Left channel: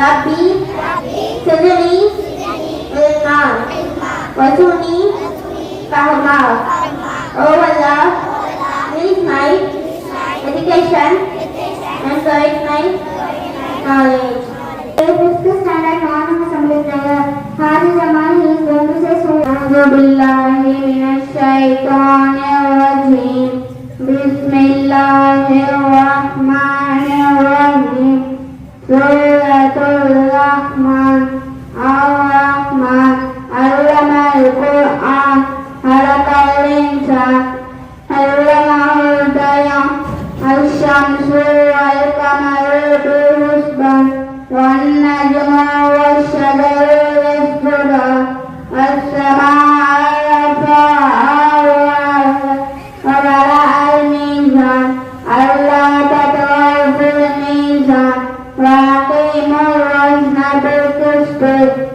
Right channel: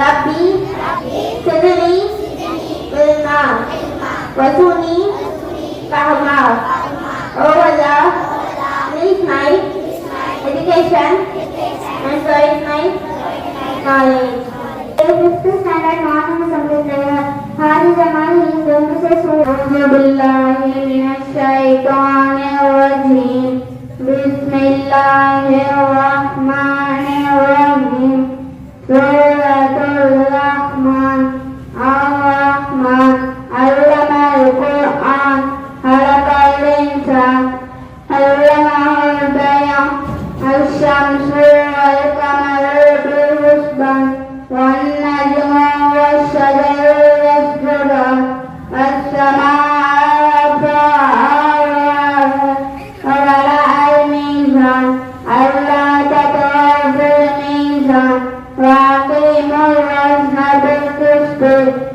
Rabbi, Sirri, Ilman, Wasuni, Rahmal. Oh Allah, please my education and guide my knowledge. Fifth standard non-assembly prayer. Hadi Zaman he is going to say so. A'udhu billahi minash shaitanir rajim. Bismillahir rahmanir rahim. Suratul Rahman. Ar-Rahman. Allamal Qur'an. Khalaqal insan. Allamahul bayan. Asy-syamsu wal qamaru bi-husban. وَالنَّجْمُ وَالشَّجَرُ يَسْجُدَانِ وَالسَّمَاءَ رَفَعَهَا وَوَضَعَ الْمِيزَانَ أَلَّا تَطْغَوْا فِي الْمِيزَانِ وَأَقِيمُوا الْوَزْنَ بِالْقِسْطِ